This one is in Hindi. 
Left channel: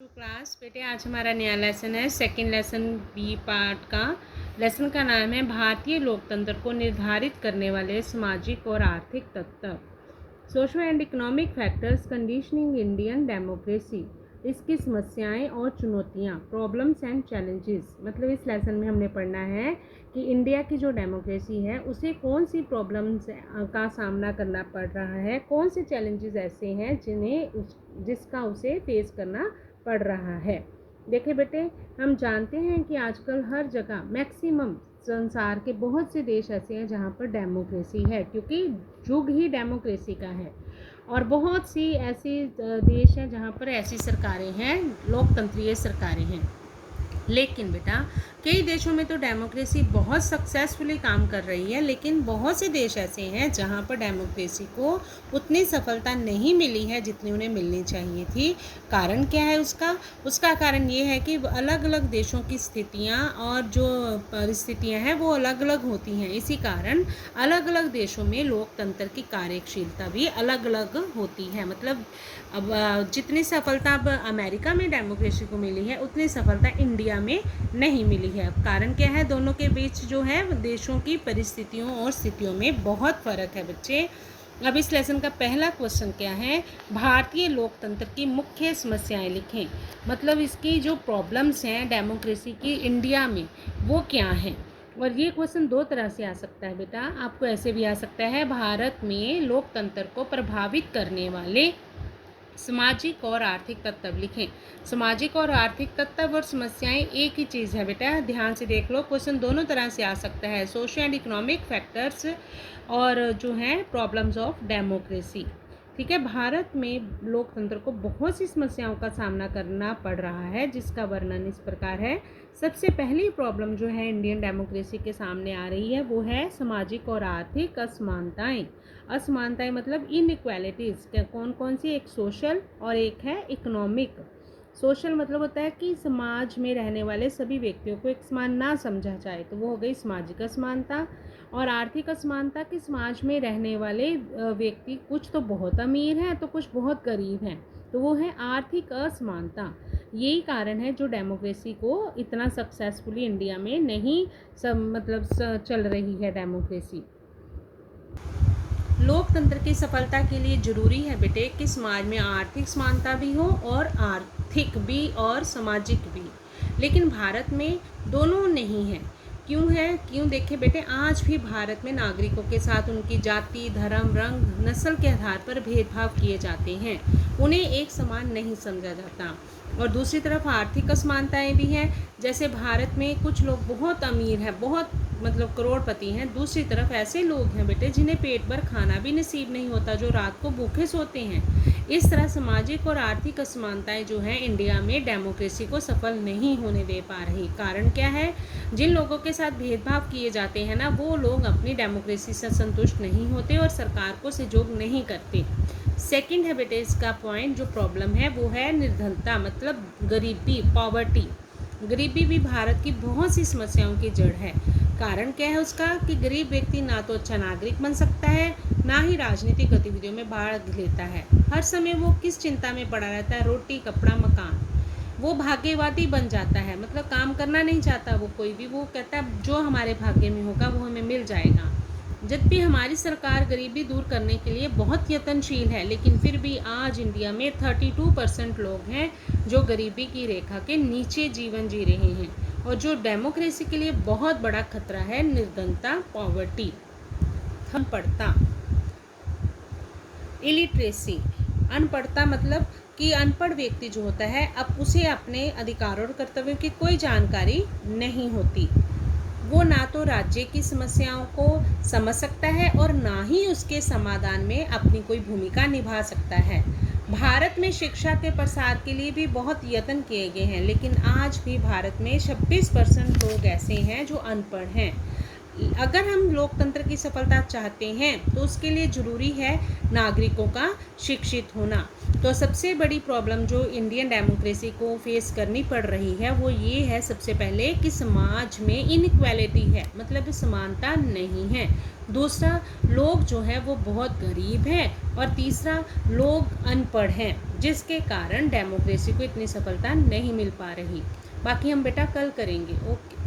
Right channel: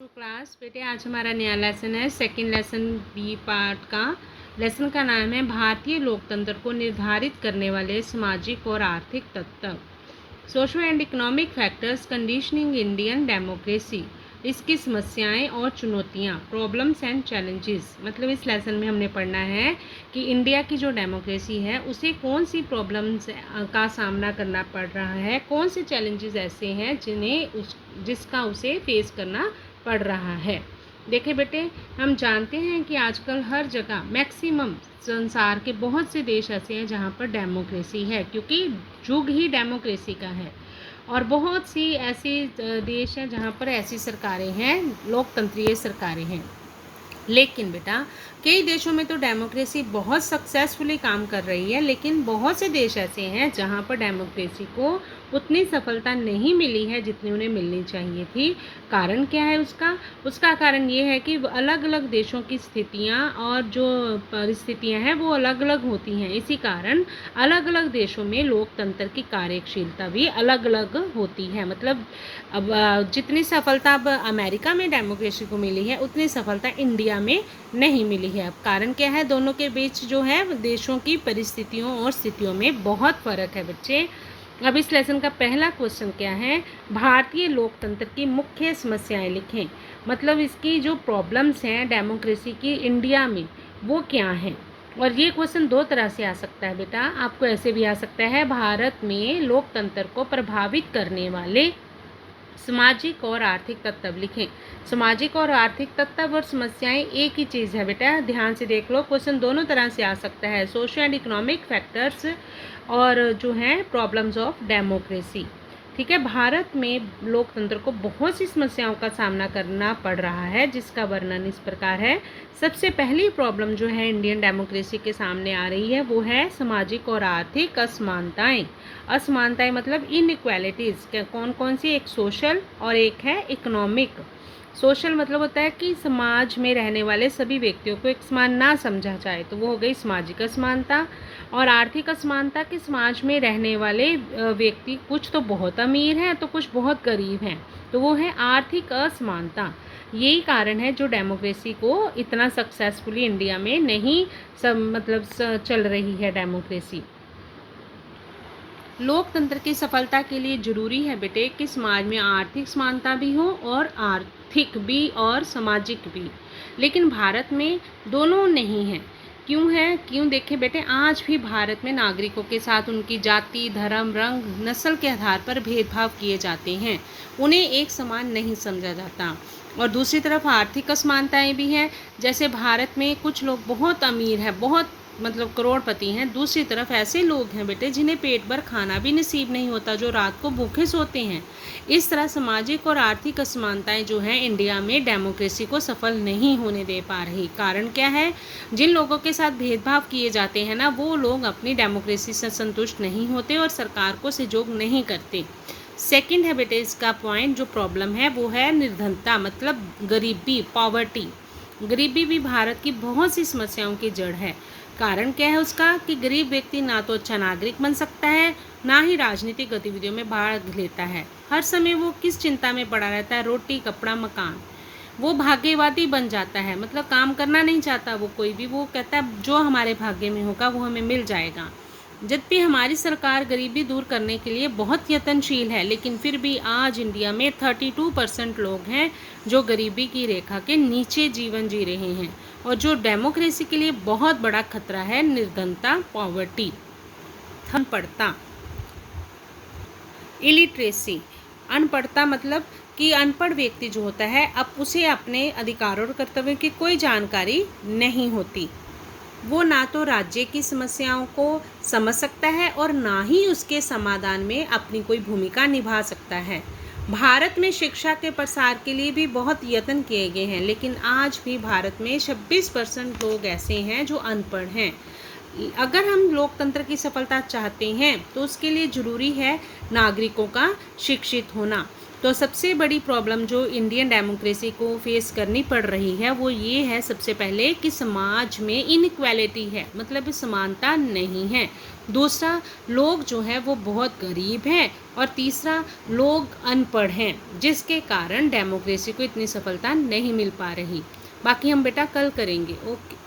तो क्लास बेटे आज हमारा नया लेसन है सेकंड लेसन बी पार्ट का। लेसन का नाम है भारतीय लोकतंत्र को निर्धारित करने वाले सामाजिक और आर्थिक तत्व, social and economic factors conditioning Indian democracy. इसकी समस्याएं और चुनौतियां, प्रॉब्लम्स एंड चैलेंजेस। मतलब इस लेसन में हमने पढ़ना है कि इंडिया की जो डेमोक्रेसी है उसे कौन सी प्रॉब्लम्स का सामना करना पड़ रहा है, कौन से चैलेंजेस ऐसे हैं जिसका उसे फेस करना पड़ रहा है। देखिए बेटे, हम जानते हैं कि आजकल हर जगह मैक्सिमम संसार के बहुत से देश ऐसे हैं जहाँ पर डेमोक्रेसी है, क्योंकि युग ही डेमोक्रेसी का है। और बहुत सी ऐसी देश हैं जहाँ पर ऐसी सरकारें हैं, लोकतंत्रीय सरकारें हैं। लेकिन बेटा कई देशों में तो डेमोक्रेसी बहुत सक्सेसफुली काम कर रही है, लेकिन बहुत से देश ऐसे हैं जहां पर डेमोक्रेसी को उतनी सफलता नहीं मिली है जितनी उन्हें मिलनी चाहिए थी। कारण क्या है उसका कारण ये है कि अलग अलग देशों की स्थितियां और जो परिस्थितियां हैं वो अलग अलग होती हैं। इसी कारण अलग अलग देशों में लोकतंत्र की कार्यशीलता भी अलग अलग होती है। मतलब अब जितनी सफलता अब अमेरिका में डेमोक्रेसी को मिली है उतनी सफलता इंडिया में नहीं मिली है। अब कारण क्या है, दोनों के बीच जो है देशों की परिस्थितियों और स्थितियों में बहुत फ़र्क है बच्चे। अब इस लेसन का पहला क्वेश्चन क्या है, भारतीय लोकतंत्र की मुख्य समस्याएं लिखें। मतलब इसकी जो प्रॉब्लम्स हैं डेमोक्रेसी की इंडिया में वो क्या हैं। और ये क्वेश्चन दो तरह से आ सकता है बेटा, आपको ऐसे भी आ सकता है, भारत में लोकतंत्र को प्रभावित करने वाले सामाजिक और आर्थिक तत्व लिखें। सामाजिक और आर्थिक तत्व और समस्याएं एक ही चीज़ है बेटा, ध्यान से देख लो। क्वेश्चन दोनों तरह से आ सकता है, सोशल एंड इकोनॉमिक फैक्टर्स और जो है प्रॉब्लम्स ऑफ डेमोक्रेसी। ठीक है, भारत में लोकतंत्र को बहुत सी समस्याओं का सामना करना पड़ रहा है, जिसका वर्णन इस प्रकार है। सबसे पहली प्रॉब्लम जो है इंडियन डेमोक्रेसी के सामने आ रही है वो है सामाजिक और आर्थिक असमानताएं। असमानताएं मतलब इनइक्वालिटीज़, कौन कौन सी, एक सोशल और एक है इकोनॉमिक। सोशल मतलब होता है कि समाज में रहने वाले सभी व्यक्तियों को एक समान ना समझा जाए, तो वो हो गई सामाजिक असमानता। और आर्थिक असमानता कि समाज में रहने वाले व्यक्ति कुछ तो बहुत अमीर हैं तो कुछ बहुत गरीब हैं, तो वो है आर्थिक असमानता। यही कारण है जो डेमोक्रेसी को इतना सक्सेसफुली इंडिया में नहीं चल रही है डेमोक्रेसी। लोकतंत्र की सफलता के लिए जरूरी है बेटे कि समाज में आर्थिक समानता भी हो और आर्थिक भी और सामाजिक भी। लेकिन भारत में दोनों नहीं है। क्यों है, क्यों देखे बेटे, आज भी भारत में नागरिकों के साथ उनकी जाति, धर्म, रंग, नस्ल के आधार पर भेदभाव किए जाते हैं, उन्हें एक समान नहीं समझा जाता। और दूसरी तरफ आर्थिक असमानताएं भी हैं, जैसे भारत में कुछ लोग बहुत अमीर हैं, बहुत करोड़पति हैं, दूसरी तरफ ऐसे लोग हैं बेटे जिन्हें पेट भर खाना भी नसीब नहीं होता, जो रात को भूखे सोते हैं। इस तरह सामाजिक और आर्थिक असमानताएं जो हैं इंडिया में डेमोक्रेसी को सफल नहीं होने दे पा रही। कारण क्या है, जिन लोगों के साथ भेदभाव किए जाते हैं ना, वो लोग अपनी डेमोक्रेसी से संतुष्ट नहीं होते और सरकार को सहयोग नहीं करते। सेकंड है बेटे इसका पॉइंट, जो प्रॉब्लम है वो है निर्धनता, मतलब गरीबी, पॉवर्टी। गरीबी भी भारत की बहुत सी समस्याओं की जड़ है। कारण क्या है उसका, कि गरीब व्यक्ति ना तो अच्छा नागरिक बन सकता है, ना ही राजनीतिक गतिविधियों में भाग लेता है। हर समय वो किस चिंता में पड़ा रहता है, रोटी, कपड़ा, मकान। वो भाग्यवादी बन जाता है, मतलब काम करना नहीं चाहता वो कोई भी, वो कहता है जो हमारे भाग्य में होगा वो हमें मिल जाएगा। जबकि हमारी सरकार गरीबी दूर करने के लिए बहुत यत्नशील है, लेकिन फिर भी आज इंडिया में 32% लोग हैं जो गरीबी की रेखा के नीचे जीवन जी रहे हैं। और जो डेमोक्रेसी के लिए बहुत बड़ा खतरा है, निर्धनता, पॉवर्टी, अनपढ़ता, इलिटरेसी। अनपढ़ता मतलब कि अनपढ़ व्यक्ति जो होता है, अब उसे अपने अधिकारों और कर्तव्यों की कोई जानकारी नहीं होती। वो ना तो राज्य की समस्याओं को समझ सकता है और ना ही उसके समाधान में अपनी कोई भूमिका निभा सकता है। भारत में शिक्षा के प्रसार के लिए भी बहुत यत्न किए गए हैं, लेकिन आज भी भारत में 26% लोग ऐसे हैं जो अनपढ़ हैं। अगर हम लोकतंत्र की सफलता चाहते हैं तो उसके लिए ज़रूरी है नागरिकों का शिक्षित होना। तो सबसे बड़ी प्रॉब्लम जो इंडियन डेमोक्रेसी को फेस करनी पड़ रही है वो ये है, सबसे पहले कि समाज में इनइक्वालिटी है, मतलब समानता नहीं है। दूसरा, लोग जो है वो बहुत गरीब हैं। और तीसरा, लोग अनपढ़ हैं, जिसके कारण डेमोक्रेसी को इतनी सफलता नहीं मिल पा रही। बाकी हम बेटा कल करेंगे। ओके।